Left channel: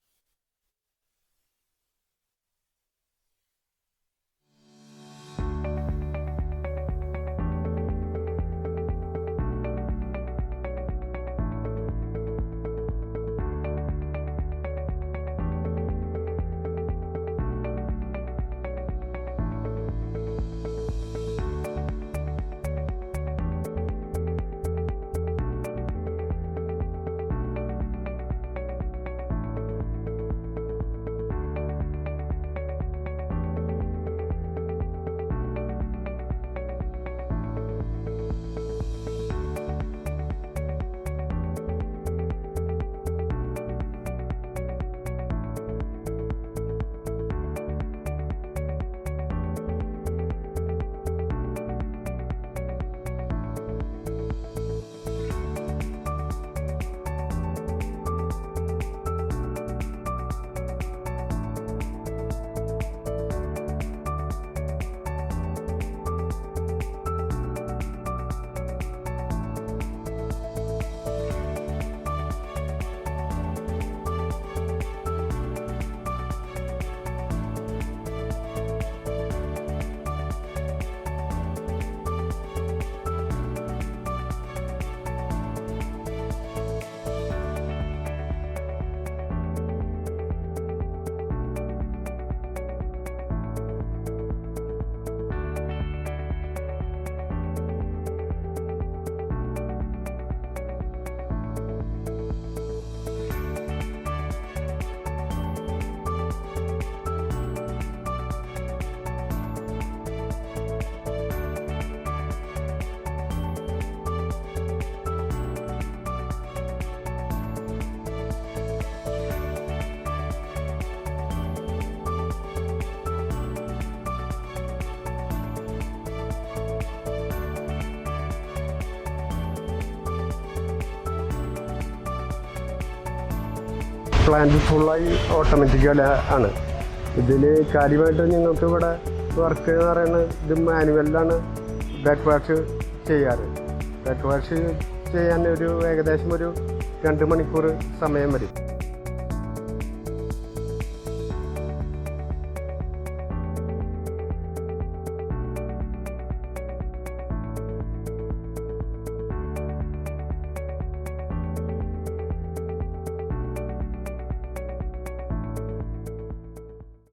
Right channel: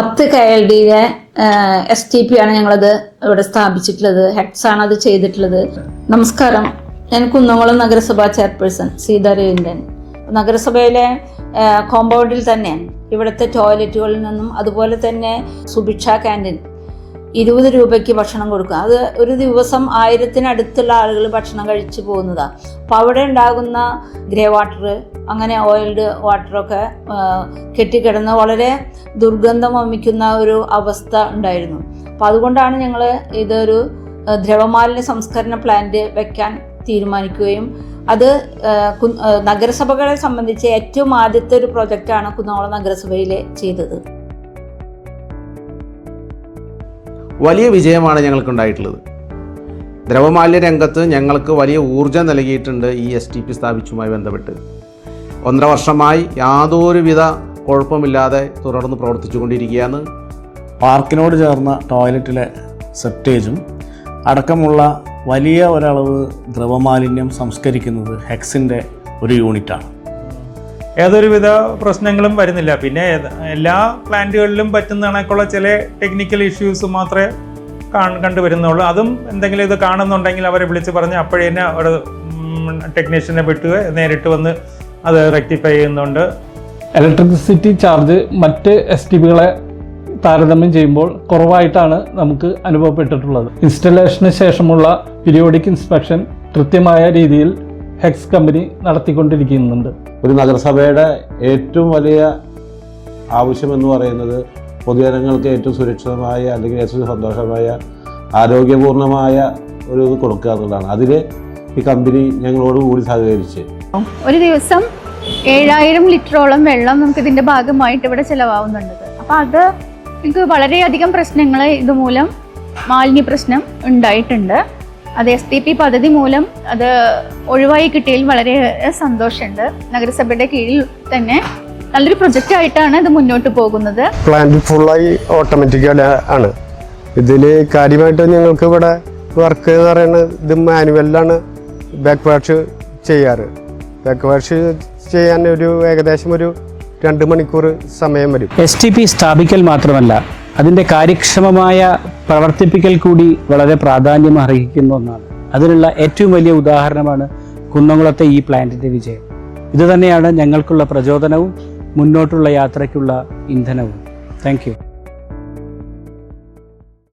10 KLDയിലെ STP ആണ് ഞങ്ങളത് ഇവിടെ സ്ഥാപിച്ചിട്ടുള്ളത്. ഹെക്സ് ആണ് അത് ചെയ്തിട്ടുള്ളത്. നമസ്കാരം, ഞാൻ കുന്നംകുളം നഗരസഭാ ചെയർപേഴ്സൺ സീതാ രവീന്ദ്രൻ. നഗരസഭയിലെ കോമ്പൗണ്ടിൽ തന്നെ ഇവിടുത്തെ ടോയ്ലറ്റുകളിൽ നിന്നും അതുപോലെ തന്നെ സുഭിക്ഷ ക്യാൻറ്റീൻ 20 രൂപയ്ക്ക് ഭക്ഷണം കൊടുക്കുക. അത് ഒരു ദിവസം 1000-നടുത്തുള്ള ആളുകൾ ഭക്ഷണം കഴിച്ചു പോകുന്നതാണ്. അപ്പോൾ അവിടെ ഉണ്ടാകുന്ന ഗ്രേ വാട്ടർ, അങ്ങനെ ഓയിൽഡ് വാട്ടറൊക്കെ കെട്ടിക്കിടന്ന് വളരെ ദുർഗന്ധം വമിക്കുന്ന ഒരു അവസ്ഥ ഉണ്ടായിരുന്നു. അപ്പോൾ അതുകൊണ്ടാണ് ഞങ്ങൾ ഇതൊരു ദ്രവമാലിന്യ സംസ്കരണ പ്ലാന്റ് വെക്കാൻ തീരുമാനിക്കുകയും അത് നഗരസഭകളെ സംബന്ധിച്ച് ഏറ്റവും ആദ്യത്തെ ഒരു പ്രൊജക്റ്റാണ് കുന്നംകുളം നഗരസഭയിൽ ചെയ്തത്. വലിയ വിജയമാണ് ഞങ്ങൾക്കുണ്ടായിട്ടുള്ളത്. ദ്രവമാലിന്യ രംഗത്ത് ഞങ്ങൾക്ക് വലിയ ഊർജ്ജം നൽകിയിട്ടുണ്ട് ഈ STP സ്ഥാപിച്ചുമായി ബന്ധപ്പെട്ട്. 1.5 വർഷമായി യാതൊരുവിധ കുഴപ്പമില്ലാതെ തുടർന്ന് പ്രവർത്തിച്ചുകൊണ്ടിരിക്കുകയാണ്. പാർക്കിനോട് ചേർന്ന ടോയ്ലറ്റിലെ സെപ്റ്റേജും അടക്കമുള്ള വലിയ ഒരളവ് ദ്രവമാലിന്യം സംസ്കരിക്കുന്നത് ഹെക്സിൻ്റെ ഒരു യൂണിറ്റാണ്. യാതൊരുവിധ പ്രശ്നങ്ങളും വരുന്നില്ല. പിന്നെ എല്ലാ പ്ലാന്റുകളിലും പറ്റുന്ന കണക്കുള്ള ചില ടെക്നിക്കൽ ഇഷ്യൂസ് മാത്രമേ കണ്ടുവരുന്നുള്ളൂ. അതും എന്തെങ്കിലും ഇത് കാണുന്നുണ്ടെങ്കിൽ അവരെ വിളിച്ച് പറഞ്ഞ് അപ്പോഴേ തന്നെ അവിടെ ടെക്നീഷ്യനെ വിട്ടുക നേരിട്ട് വന്ന് അത് റെക്ടിഫൈ ചെയ്യുന്നുണ്ട്. ഇലക്ട്രിസിറ്റി ചാർജ് മറ്റ് STPകളെ താരതമ്യം ചെയ്യുമ്പോൾ കുറവായിട്ടാണ് നമുക്ക് അനുഭവപ്പെട്ടിട്ടുള്ളത്. ഇൻസ്റ്റലേഷന് ശേഷമുള്ള പീരിയോഡിക് ഇൻസ്പെക്ഷൻ കൃത്യമായ രീതിയിൽ ഹെക്സ് കമ്പനി നടത്തിക്കൊണ്ടിരിക്കുന്നുണ്ട്. ഒരു നഗരസഭയുടെ ഏറ്റവും വലിയ ആവശ്യമെന്ന് പറയുന്നത് പൊതുജനങ്ങൾക്ക് ഏറ്റവും സുരക്ഷിതമായ അല്ലെങ്കിൽ ഏറ്റവും സന്തോഷമായ ആരോഗ്യപൂർണമായ ഒരു ഇത് കൊടുക്കുക എന്നുള്ളതാണ്. അതിൽ ഈ കമ്പനി ഞങ്ങളോട് കൂടി സഹകരിച്ച് ഒരു ദിവസം 7000 ലിറ്ററോളം വെള്ളം നമുക്ക് ഇതിൻ്റെ ഭാഗമായിട്ട് ഇവിടെ ചിലവാകുന്നുണ്ട്. അപ്പോൾ അത് നമുക്ക് വളരെയധികം പ്രശ്നങ്ങൾ ഇതുമൂലം മാലിന്യ പ്രശ്നം ഉണ്ടായിട്ടുണ്ട്. അത് STP പദ്ധതി മൂലം അത് ഒഴിവായി കിട്ടിയതിൽ വളരെ സന്തോഷമുണ്ട്. നഗരസഭയുടെ കീഴിൽ തന്നെ നല്ലൊരു പ്രൊജക്റ്റ് ആയിട്ടാണ് ഇത് മുന്നോട്ട് പോകുന്നത്. പ്ലാന്റ് ഫുള്ളായി ഓട്ടോമാറ്റിക് ആണ്. ഇതിൽ കാര്യമായിട്ട് ഞങ്ങൾക്ക് ഇവിടെ വർക്ക് എന്ന് പറയുന്നത് ഇത് മാനുവലിലാണ് ബാക്ക് വാഷ് ചെയ്യാറ്. ബാക്ക് വാഷ് ചെയ്യാൻ ഏകദേശം ഒരു 2 മണിക്കൂർ സമയം വരും. STP സ്ഥാപിക്കൽ മാത്രമല്ല, അതിൻ്റെ കാര്യക്ഷമമായ പ്രവർത്തിപ്പിക്കൽ കൂടി വളരെ പ്രാധാന്യം അർഹിക്കുന്ന ഒന്നാണ്. അതിനുള്ള ഏറ്റവും വലിയ ഉദാഹരണമാണ് കുന്നംകുളത്തെ ഈ പ്ലാന്റിൻ്റെ വിജയം. ഇതുതന്നെയാണ് ഞങ്ങൾക്കുള്ള പ്രചോദനവും മുന്നോട്ടുള്ള യാത്രയ്ക്കുള്ള ഇന്ധനവും. Thank you.